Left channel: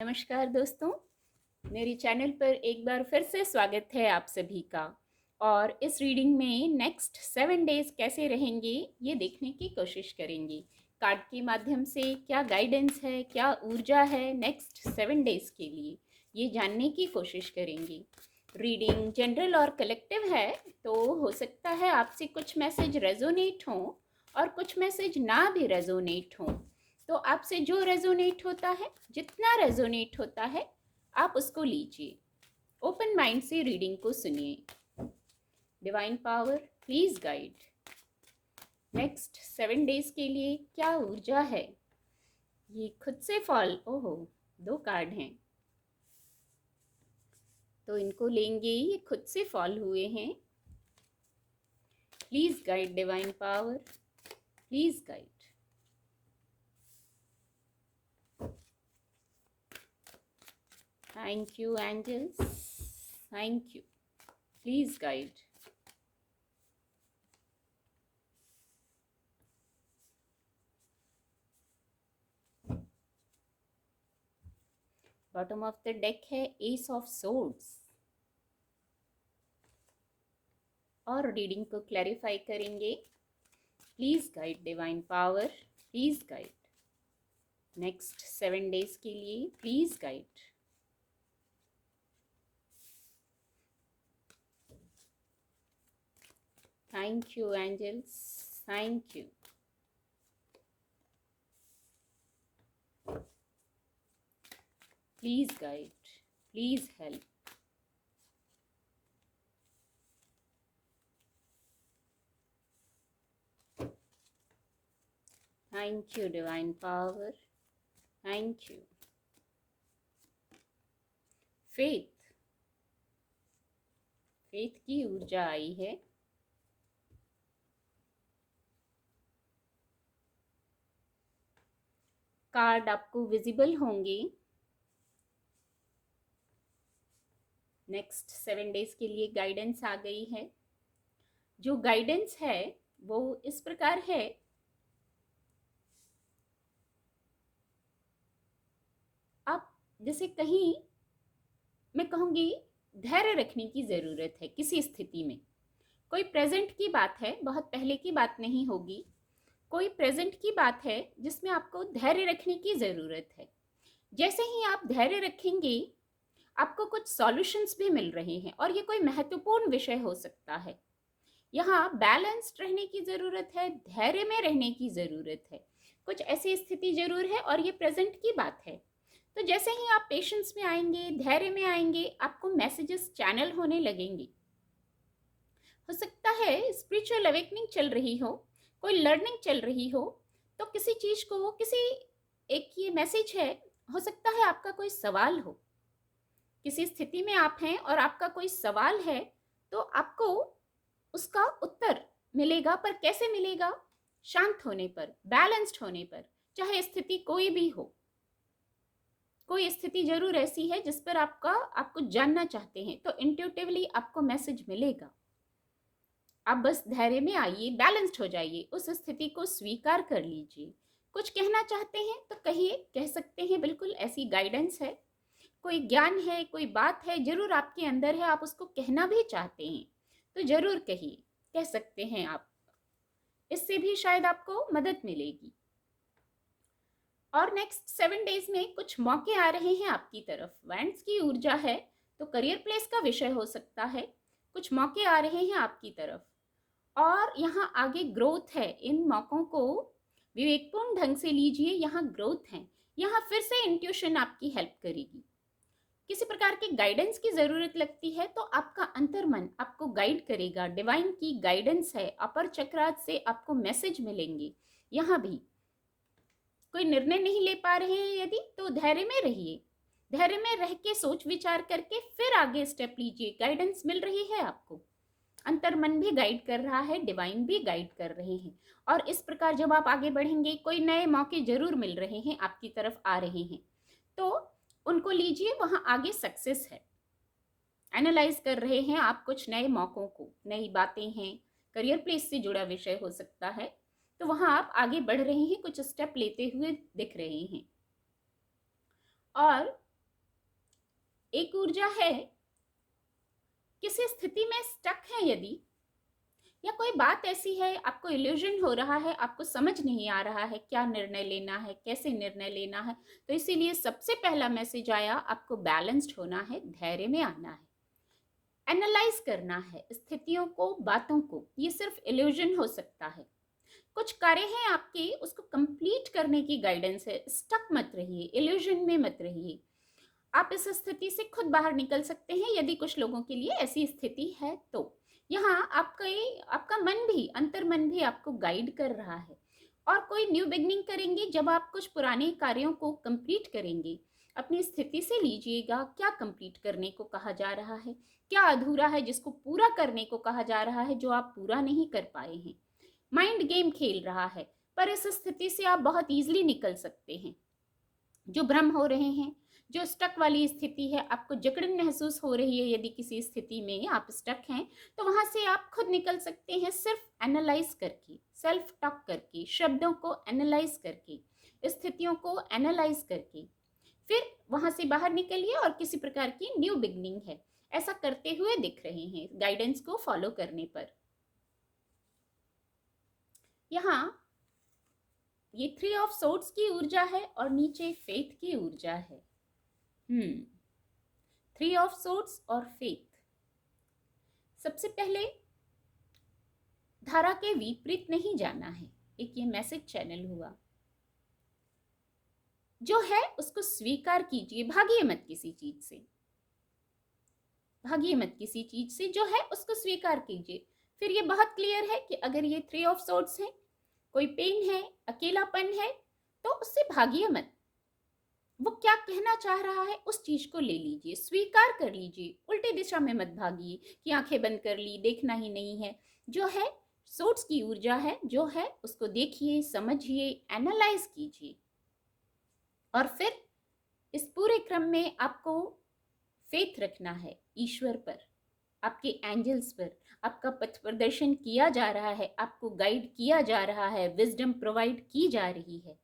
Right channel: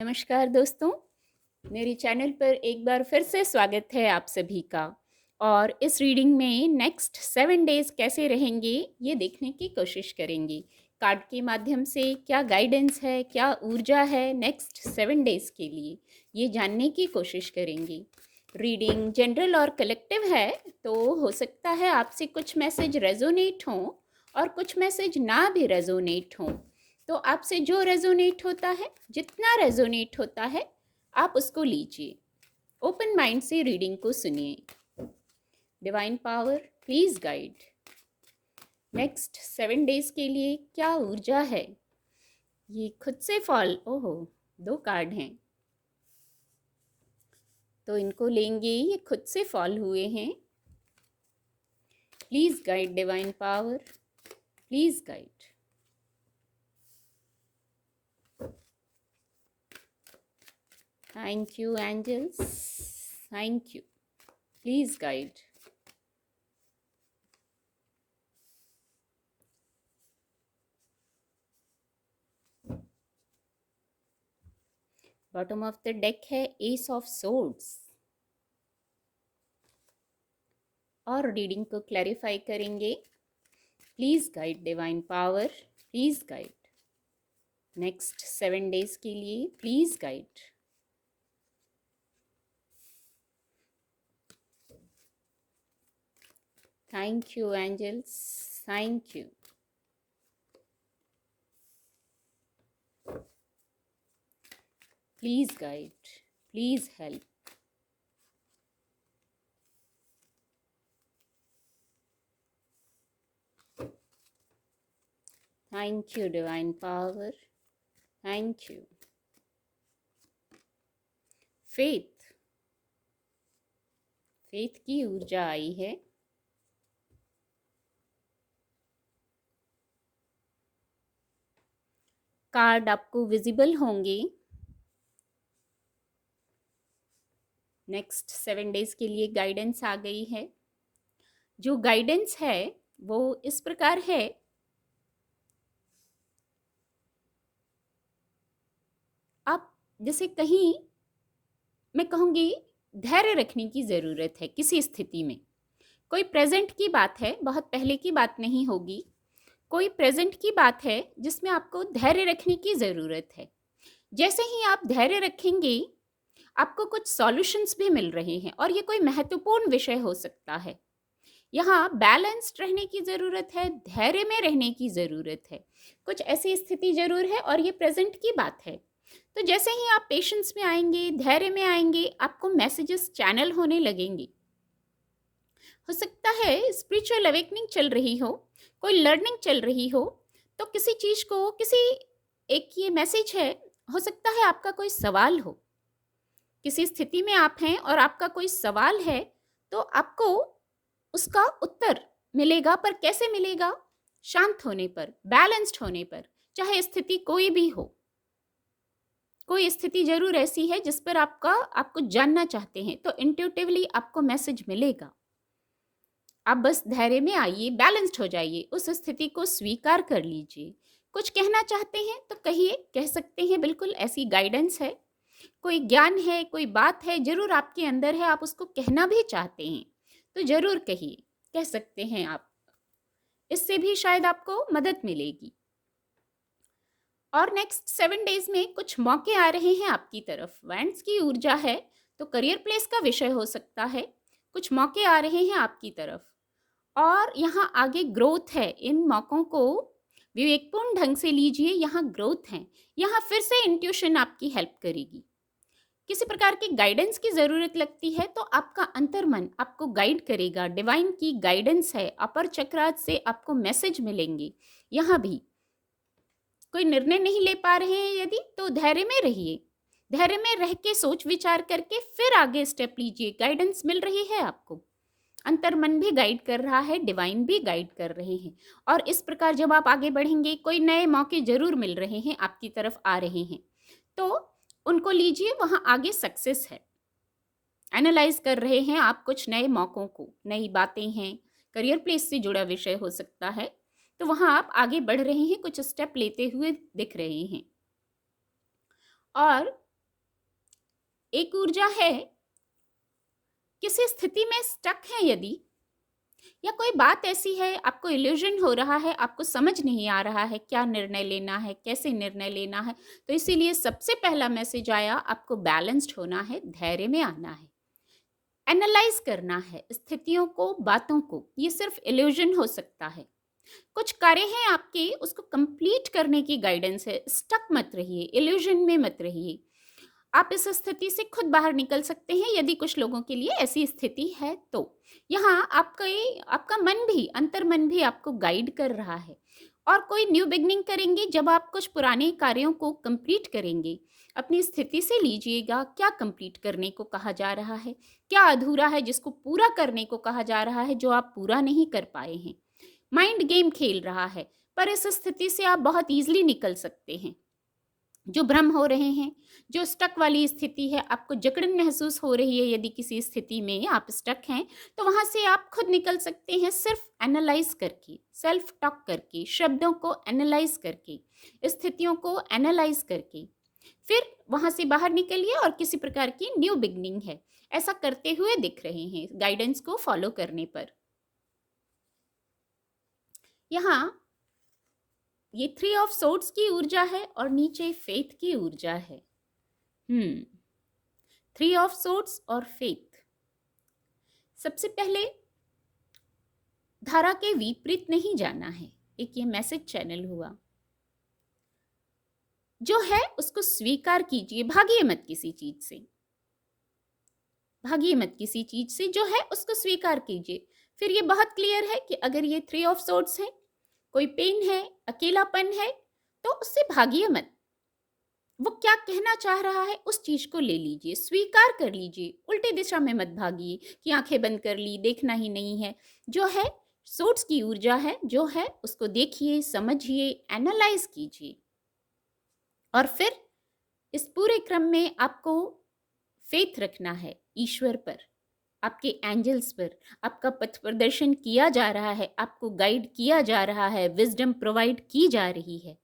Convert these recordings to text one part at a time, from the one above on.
नमस्कार दोस्तों, मेरे चैनल पर एक बार फिर से स्वागत है आप सभी का। और इस रीडिंग में नेक्स्ट 7 डेज कैसे रहेंगे ये देखने की कोशिश करेंगे। कार्ड के माध्यम से क्या गाइडेंस है, क्या ऊर्जा है नेक्स्ट 7 डेज के लिए, ये जानने की कोशिश करेंगे। रीडिंग जनरल और कलेक्टिव है, तो हो सकता है आपसे कुछ मैसेज रेजोनेट हों और कुछ मैसेज ना भी रेजोनेट हों। तो आपसे जो रेजोनेट होता है, जितना रेजोनेट होता है, आप उसको लीजिए। ओपन माइंड से रीडिंग को सुनिए। Divine power please guide. Next 7 days के लिए क्या ऊर्जा है। ये खुद से फॉल, ओहो 2 कार्ड हैं तो इनको लेंगे। ये खुद से फॉल हुए हैं। Please guide divine power, please guide. Thank you angels, thank you, please guide. Bottom of the deck है एस ऑफ सोर्ड्स। और रीडिंग को क्लैरिफाई करेंगे। Please guide divine power, please guide. Next 7 days के लिए please guide. Thank you angels, thank you. Please guide, please help. Thank you divine power, thank you. Faith, faith की ऊर्जा आई है। Card आपको visible होंगे। Next 7 days के लिए guidance आ गई है। जो गाइडेंस है वो इस प्रकार है। आप जैसे कहीं, मैं कहूँगी, धैर्य रखने की ज़रूरत है किसी स्थिति में। कोई प्रेजेंट की बात है, बहुत पहले की बात नहीं होगी। कोई प्रेजेंट की बात है जिसमें आपको धैर्य रखने की ज़रूरत है। जैसे ही आप धैर्य रखेंगे, आपको कुछ सॉल्यूशंस भी मिल रहे हैं और ये कोई महत्वपूर्ण विषय हो सकता है। यहाँ बैलेंस्ड रहने की ज़रूरत है, धैर्य में रहने की ज़रूरत है। कुछ ऐसी स्थिति ज़रूर है और ये प्रेजेंट की बात है। तो जैसे ही आप पेशेंस में आएंगे, धैर्य में आएंगे, आपको मैसेजेस चैनल होने लगेंगे। हो सकता है स्पिरिचुअल अवेकनिंग चल रही हो, कोई लर्निंग चल रही हो, तो किसी चीज़ को, किसी एक ये मैसेज है। हो सकता है आपका कोई सवाल हो, किसी स्थिति में आप हैं और आपका कोई सवाल है, तो आपको उसका उत्तर मिलेगा। पर कैसे मिलेगा? शांत होने पर, बैलेंस्ड होने पर, चाहे स्थिति कोई भी हो। कोई स्थिति जरूर ऐसी है जिस पर आपको जानना चाहते हैं, तो इंट्यूटिवली आपको मैसेज मिलेगा। आप बस धैर्य में आइए, बैलेंस्ड हो जाइए, उस स्थिति को स्वीकार कर लीजिए। कुछ कहना चाहते हैं तो कहिए, कह सकते हैं, बिल्कुल ऐसी गाइडेंस है। कोई ज्ञान है, कोई बात है, जरूर आपके अंदर है, आप उसको कहना भी चाहते हैं तो जरूर कहिए, कह सकते हैं आप। इससे भी शायद आपको मदद मिलेगी। और नेक्स्ट 7 डेज में कुछ मौके आ रहे हैं आपकी तरफ। वैंड्स की ऊर्जा है, तो करियर प्लेस का विषय हो सकता है। कुछ मौके आ रहे हैं आपकी तरफ और यहाँ आगे ग्रोथ है। इन मौकों को विवेकपूर्ण ढंग से लीजिए, यहाँ ग्रोथ है। यहाँ फिर से इंट्यूशन आपकी हेल्प करेगी। किसी प्रकार की गाइडेंस की ज़रूरत लगती है तो आपका अंतर्मन आपको गाइड करेगा। डिवाइन की गाइडेंस है, अपर चक्रात से आपको मैसेज मिलेंगे। यहाँ भी कोई निर्णय नहीं ले पा रहे हैं यदि, तो धैर्य में रहिए। धैर्य में रह के सोच विचार करके फिर आगे स्टेप लीजिए। गाइडेंस मिल रही है आपको, अंतर्मन भी गाइड कर रहा है, डिवाइन भी गाइड कर रहे हैं। और इस प्रकार जब आप आगे बढ़ेंगे, कोई नए मौके जरूर मिल रहे हैं, आपकी तरफ आ रहे हैं, तो उनको लीजिए। वहां आगे सक्सेस है। एनालाइज कर रहे हैं आप कुछ नए मौकों को, नई बातें हैं, करियर प्लेस से जुड़ा विषय हो सकता है, तो वहां आप आगे बढ़ रहे हैं, कुछ स्टेप लेते हुए दिख रहे हैं। और एक ऊर्जा है किसी स्थिति में स्टक है यदि, या कोई बात ऐसी है आपको इल्यूजन हो रहा है, आपको समझ नहीं आ रहा है क्या निर्णय लेना है, कैसे निर्णय लेना है, तो इसीलिए सबसे पहला मैसेज आया, आपको बैलेंस्ड होना है, धैर्य में आना है, एनालाइज करना है स्थितियों को, बातों को। ये सिर्फ इल्यूजन हो सकता है। कुछ कार्य हैं आपके, उसको कंप्लीट करने की गाइडेंस है। स्टक मत रहिए, इल्यूजन में मत रहिए। आप इस स्थिति से खुद बाहर निकल सकते हैं यदि कुछ लोगों के लिए ऐसी स्थिति है तो। यहाँ आपका मन भी, अंतर्मन भी आपको गाइड कर रहा है। और कोई न्यू बिगनिंग करेंगे जब आप कुछ पुराने कार्यों को कंप्लीट करेंगे। अपनी स्थिति से लीजिएगा, क्या कंप्लीट करने को कहा जा रहा है, क्या अधूरा है जिसको पूरा करने को कहा जा रहा है, जो आप पूरा नहीं कर पाए हैं। माइंड गेम खेल रहा है, पर इस स्थिति से आप बहुत ईजिली निकल सकते हैं। जो भ्रम हो रहे हैं, जो स्टक वाली स्थिति है, आपको जकड़न महसूस हो रही है, यदि किसी स्थिति में आप स्टक हैं, तो वहां से आप खुद निकल सकते हैं सिर्फ एनालाइज करके, सेल्फ टॉक करके, शब्दों को एनालाइज करके, स्थितियों को एनालाइज करके। फिर वहां से बाहर निकलिए और किसी प्रकार की न्यू बिगनिंग है, ऐसा करते हुए दिख रहे हैं गाइडेंस को फॉलो करने पर। यहाँ ये 3 ऑफ सोर्ड्स की ऊर्जा है और नीचे फेथ की ऊर्जा है। 3 ऑफ सोर्ड्स और फेथ। सबसे पहले धारा के विपरीत नहीं जाना है। एक ये मैसेज चैनल हुआ, जो है उसको स्वीकार कीजिए, भागिए मत किसी चीज से, भागिए मत किसी चीज से, जो है उसको स्वीकार कीजिए। फिर ये बहुत क्लियर है कि अगर ये 3 ऑफ सोर्ड्स है, कोई पेन है, अकेलापन है, तो उससे भागिए मत। वो क्या कहना चाह रहा है उस चीज को ले लीजिए, स्वीकार कर लीजिए, उल्टी दिशा में मत भागिए कि आंखें बंद कर ली, देखना ही नहीं है। जो है सोर्स की ऊर्जा है, जो है उसको देखिए, समझिए, एनालाइज कीजिए। और फिर इस पूरे क्रम में आपको फेथ रखना है ईश्वर पर, आपके एंजल्स पर। आपका पथ प्रदर्शन किया जा रहा है, आपको गाइड किया जा रहा है, विजडम प्रोवाइड की जा रही है,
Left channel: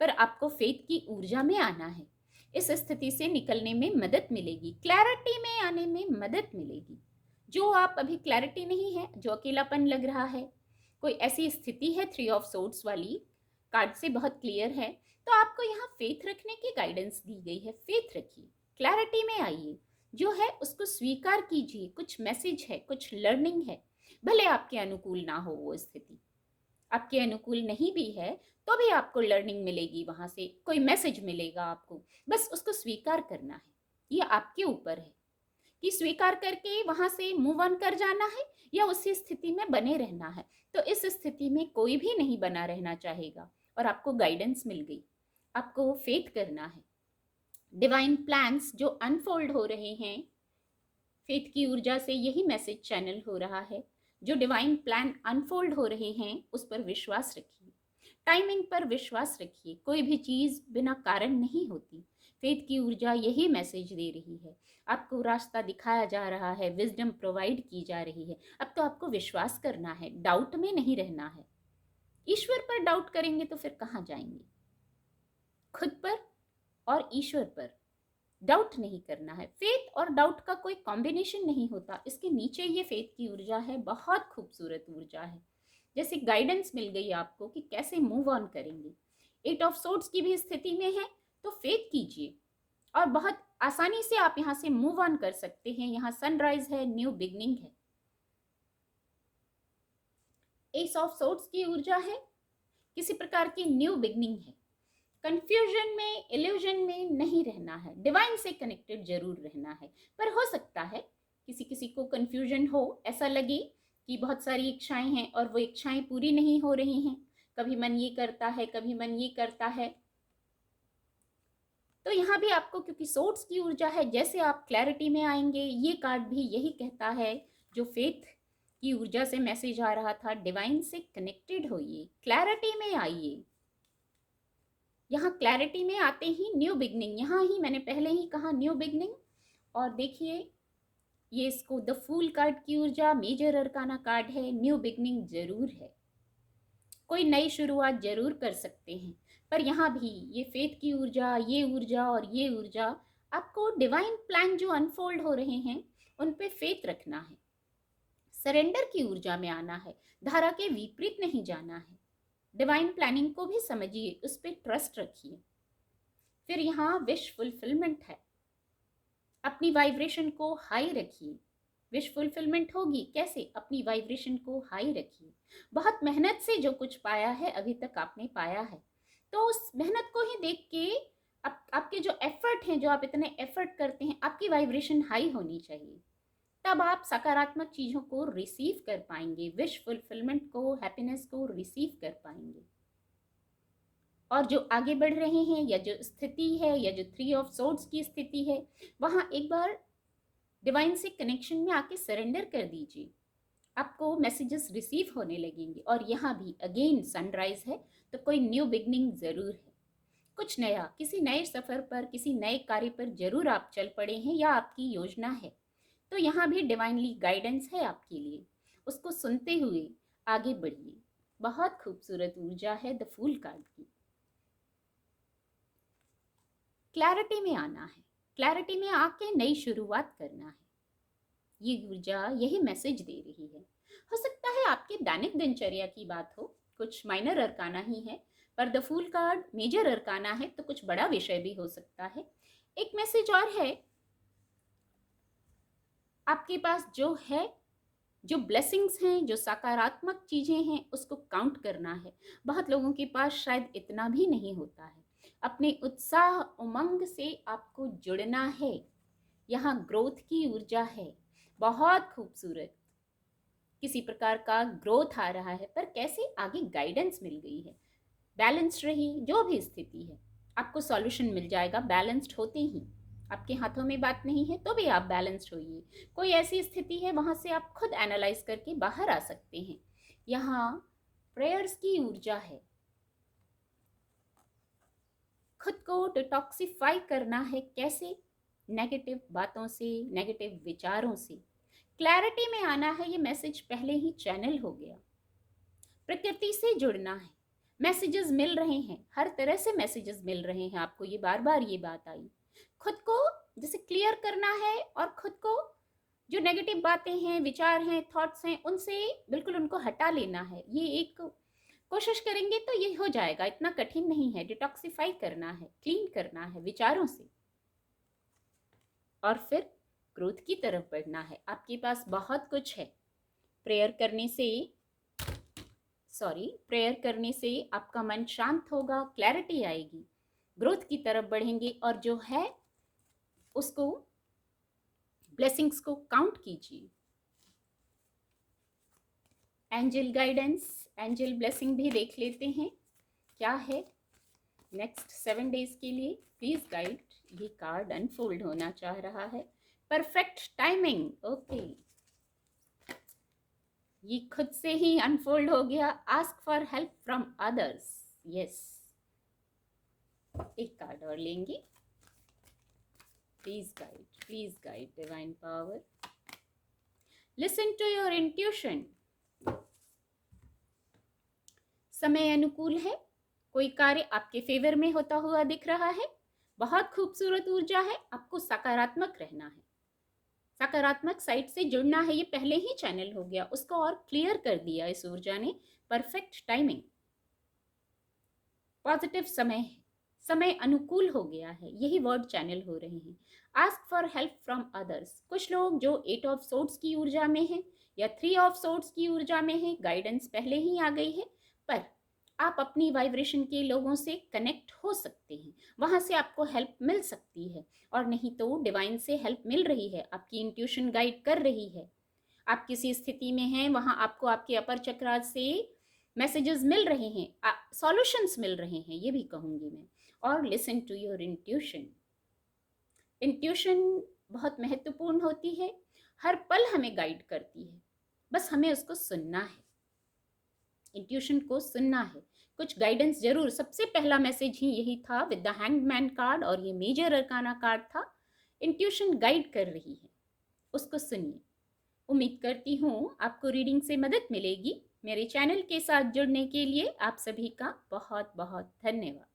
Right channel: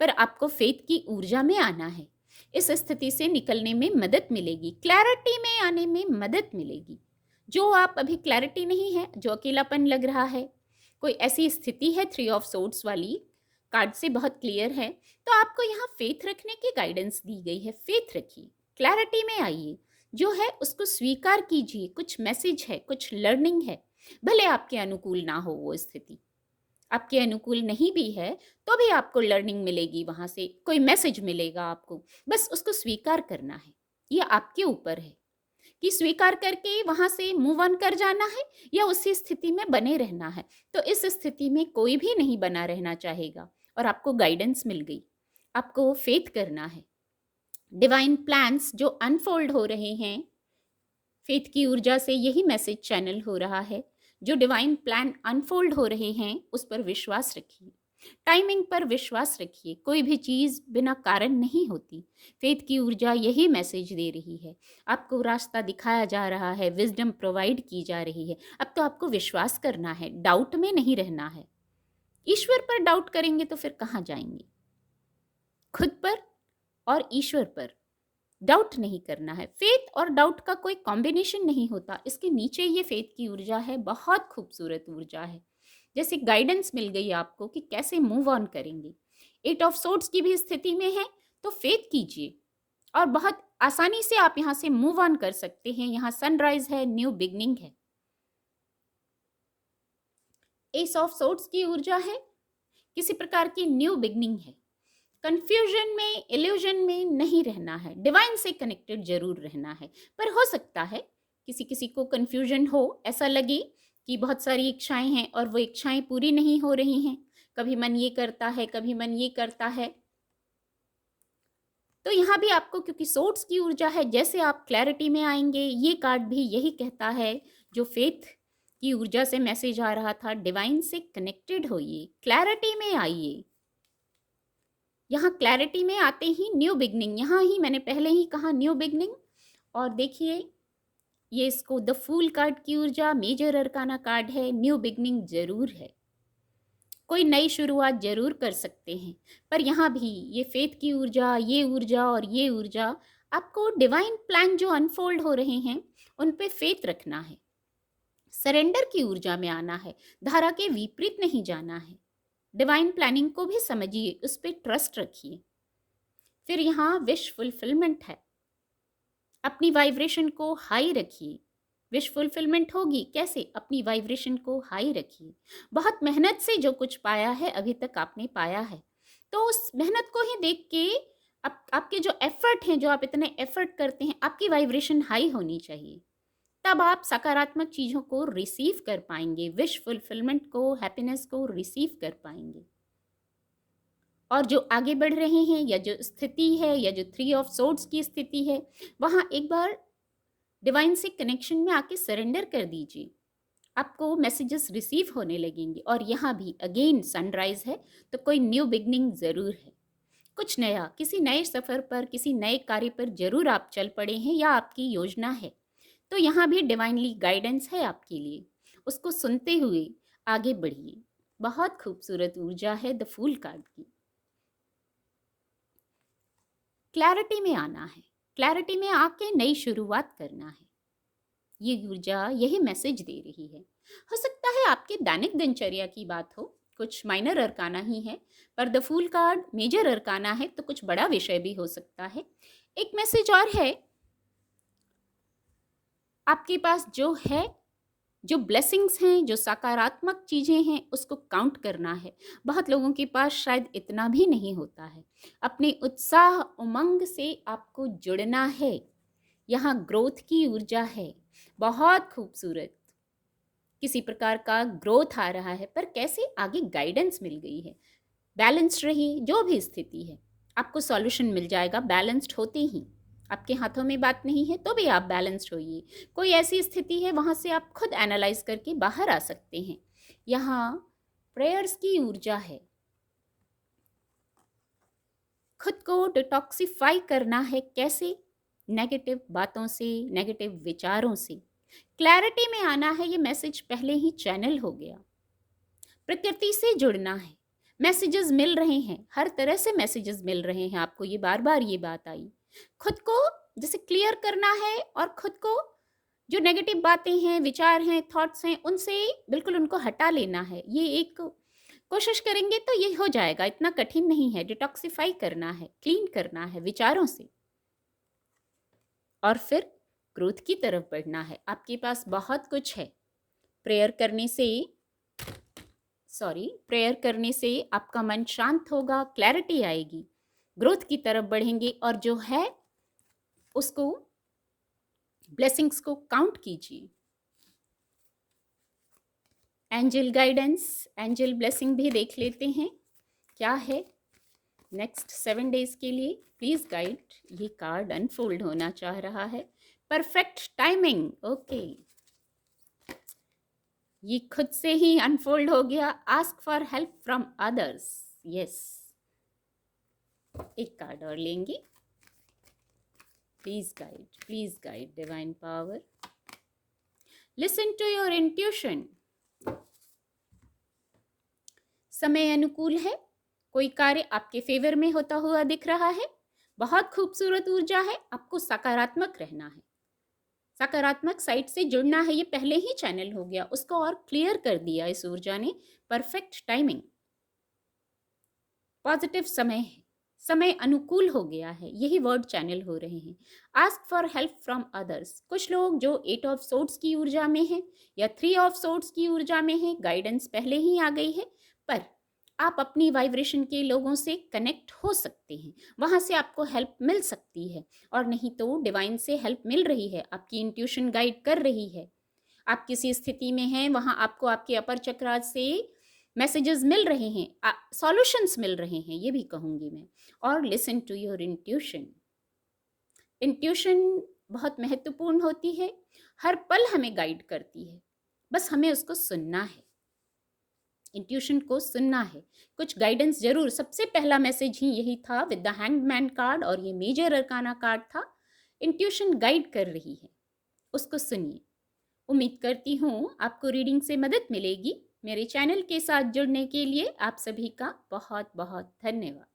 पर आपको फेथ की ऊर्जा में आना है। इस स्थिति से निकलने में मदद मिलेगी, क्लैरिटी में आने में मदद मिलेगी। जो आप अभी क्लैरिटी नहीं है, जो अकेलापन लग रहा है, कोई ऐसी स्थिति है 3 ऑफ सोर्ड्स वाली, कार्ड से बहुत क्लियर है, तो आपको यहाँ फेथ रखने की गाइडेंस दी गई है। फेथ रखिए, क्लैरिटी में आइए, जो है उसको स्वीकार कीजिए। कुछ मैसेज है, कुछ लर्निंग है, भले आपके अनुकूल ना हो वो स्थिति, आपके अनुकूल नहीं भी है तो भी आपको लर्निंग मिलेगी, वहां से कोई मैसेज मिलेगा आपको, बस उसको स्वीकार करना है। ये आपके ऊपर है कि स्वीकार करके वहां से मूव ऑन कर जाना है या उसी स्थिति में बने रहना है। तो इस स्थिति में कोई भी नहीं बना रहना चाहेगा, और आपको गाइडेंस मिल गई, आपको फेथ करना है। डिवाइन प्लान्स जो अनफोल्ड हो रहे हैं, फेथ की ऊर्जा से यही मैसेज चैनल हो रहा है। जो डिवाइन प्लान अनफोल्ड हो रहे हैं उस पर विश्वास रखिए, टाइमिंग पर विश्वास रखिए। कोई भी चीज़ बिना कारण नहीं होती। फेथ की ऊर्जा यही मैसेज दे रही है, आपको रास्ता दिखाया जा रहा है, विजडम प्रोवाइड की जा रही है। अब तो आपको विश्वास करना है, डाउट में नहीं रहना है। ईश्वर पर डाउट करेंगे तो फिर कहाँ जाएंगे? खुद पर और ईश्वर पर डाउट नहीं करना है। फेथ और डाउट का कोई कॉम्बिनेशन नहीं होता, इसके नीचे ये फेथ की ऊर्जा है, बहुत खूबसूरत ऊर्जा है। जैसे गाइडेंस मिल गई आपको कि कैसे मूव ऑन करेंगे। 8 ऑफ सोर्ड्स की भी स्थिति में है तो फेथ कीजिए और बहुत आसानी से आप यहाँ से मूव ऑन कर सकते हैं। यहाँ सनराइज है, न्यू बिगनिंग है। एस ऑफ सोर्ड्स की ऊर्जा है, किसी प्रकार की न्यू बिगनिंग है। कंफ्यूजन में, इल्यूजन में नहीं रहना है, डिवाइन से कनेक्टेड जरूर रहना है। पर हो सकता है किसी किसी को कंफ्यूजन हो, ऐसा लगे कि बहुत सारी इच्छाएं हैं और वो इच्छाएं पूरी नहीं हो रही हैं, कभी मन ये करता है, कभी मन ये करता है। तो यहाँ भी आपको, क्योंकि सोर्स की ऊर्जा है, जैसे आप क्लैरिटी में आएंगे, ये कार्ड भी यही कहता है, जो फेथ की ऊर्जा से मैसेज आ रहा था, डिवाइन से कनेक्टेड होइए, क्लैरिटी में आइए। यहाँ क्लैरिटी में आते ही न्यू बिगनिंग, यहाँ ही मैंने पहले ही कहा न्यू बिगनिंग। और देखिए ये इसको द फूल कार्ड की ऊर्जा, मेजर अरकाना कार्ड है, न्यू बिगनिंग जरूर है, कोई नई शुरुआत जरूर कर सकते हैं। पर यहाँ भी ये फेथ की ऊर्जा, ये ऊर्जा और ये ऊर्जा आपको डिवाइन प्लान जो अनफोल्ड हो रहे हैं उन पे फेथ रखना है, सरेंडर की ऊर्जा में आना है, धारा के विपरीत नहीं जाना है। डिवाइन प्लानिंग को भी समझिए, उस पर ट्रस्ट रखिए। फिर यहाँ विश फुलफिलमेंट है, अपनी वाइब्रेशन को हाई रखिए। विश फुलफिलमेंट होगी कैसे? अपनी वाइब्रेशन को हाई रखिए। बहुत मेहनत से जो कुछ पाया है अभी तक आपने पाया है, तो उस मेहनत को ही देख के आपके जो एफर्ट हैं, जो आप इतने एफर्ट करते हैं, आपकी वाइब्रेशन हाई होनी चाहिए। तब आप सकारात्मक चीज़ों को रिसीव कर पाएंगे, विश फुलफिलमेंट को, हैप्पीनेस को रिसीव कर पाएंगे। और जो आगे बढ़ रहे हैं, या जो स्थिति है, या जो 3 ऑफ सोर्ड्स की स्थिति है, वहाँ एक बार डिवाइन से कनेक्शन में आके सरेंडर कर दीजिए, आपको मैसेजेस रिसीव होने लगेंगे। और यहाँ भी अगेन सनराइज है, तो कोई न्यू बिगनिंग ज़रूर है, कुछ नया, किसी नए सफ़र पर, किसी नए कार्य पर जरूर आप चल पड़े हैं, या आपकी योजना है। तो यहाँ भी डिवाइनली गाइडेंस है आपके लिए, उसको सुनते हुए आगे बढ़िए। बहुत खूबसूरत ऊर्जा है द फूल कार्ड की। क्लैरिटी में आना है, क्लैरिटी में आके नई शुरुआत करना है, ये ऊर्जा यही मैसेज दे रही है। हो सकता है आपके दैनिक दिनचर्या की बात हो, कुछ माइनर अरकाना ही है, पर the fool card major arcana है, तो कुछ बड़ा विषय भी हो सकता है। एक मैसेज और है, आपके पास जो है, जो ब्लेसिंग्स हैं, जो सकारात्मक चीज़ें हैं, उसको काउंट करना है। बहुत लोगों के पास शायद इतना भी नहीं होता है। अपने उत्साह उमंग से आपको जुड़ना है। यहाँ ग्रोथ की ऊर्जा है, बहुत खूबसूरत, किसी प्रकार का ग्रोथ आ रहा है, पर कैसे? आगे गाइडेंस मिल गई है। बैलेंस्ड रहिए, जो भी स्थिति है आपको सॉल्यूशन मिल जाएगा बैलेंस्ड होते ही। आपके हाथों में बात नहीं है तो भी आप बैलेंस्ड होइए। कोई ऐसी स्थिति है, वहाँ से आप खुद एनालाइज करके बाहर आ सकते हैं। यहाँ प्रेयर्स की ऊर्जा है, खुद को डिटॉक्सिफाई करना है। कैसे? नेगेटिव बातों से, नेगेटिव विचारों से। क्लैरिटी में आना है, ये मैसेज पहले ही चैनल हो गया। प्रकृति से जुड़ना है, मैसेजेस मिल रहे हैं, हर तरह से मैसेजेस मिल रहे हैं आपको, ये बार बार ये बात आई। खुद को जैसे क्लियर करना है, और खुद को जो नेगेटिव बातें हैं, विचार हैं, थॉट्स हैं, उनसे बिल्कुल उनको हटा लेना है। ये एक कोशिश करेंगे तो ये हो जाएगा, इतना कठिन नहीं है। डिटॉक्सिफाई करना है, क्लीन करना है विचारों से, और फिर ग्रोथ की तरफ बढ़ना है। आपके पास बहुत कुछ है। प्रेयर करने से प्रेयर करने से आपका मन शांत होगा, क्लैरिटी आएगी, ग्रोथ की तरफ बढ़ेंगे। और जो है उसको, ब्लेसिंग्स को काउंट कीजिए। एंजल गाइडेंस, एंजल ब्लेसिंग भी देख लेते हैं क्या है नेक्स्ट 7 डेज के लिए। प्लीज गाइड, ये कार्ड अनफोल्ड होना चाह रहा है। परफेक्ट टाइमिंग, ओके, ये खुद से ही अनफोल्ड हो गया। Ask for help from others, yes. एक कार्ड और लेंगे। Please guide divine power. Listen to your intuition. समय अनुकूल है, कोई कार्य आपके फेवर में होता हुआ दिख रहा है। बहुत खूबसूरत ऊर्जा है, आपको सकारात्मक रहना है, सकारात्मक साइड से जुड़ना है। ये पहले ही चैनल हो गया, उसको और क्लियर कर दिया इस ऊर्जा ने। परफेक्ट टाइमिंग, पॉजिटिव समय है, समय अनुकूल हो गया है, यही वर्ड चैनल हो रहे हैं। Ask for help from others. कुछ लोग जो 8 ऑफ सोर्ड्स की ऊर्जा में है, या 3 ऑफ सोर्ड्स की ऊर्जा में है, गाइडेंस पहले ही आ गई है, पर आप अपनी वाइब्रेशन के लोगों से कनेक्ट हो सकते हैं, वहाँ से आपको हेल्प मिल सकती है। और नहीं तो डिवाइन से हेल्प मिल रही है, आपकी इंट्यूशन गाइड कर रही है। आप किसी स्थिति में हैं, वहाँ आपको आपके अपर चक्रास से मैसेजेस मिल रहे हैं, सॉल्यूशंस मिल रहे हैं, ये भी कहूँगी मैं। और listen to your intuition. Intuition बहुत महत्वपूर्ण होती है, हर पल हमें गाइड करती है, बस हमें उसको सुनना है, इंट्यूशन को सुनना है। कुछ गाइडेंस जरूर, सबसे पहला मैसेज ही यही था विद द हैंगमैन कार्ड, और ये मेजर अरकाना कार्ड था। इंट्यूशन गाइड कर रही है, उसको सुनिए। उम्मीद करती हूँ आपको रीडिंग से मदद मिलेगी। मेरे चैनल के साथ जुड़ने के लिए आप सभी का बहुत बहुत धन्यवाद।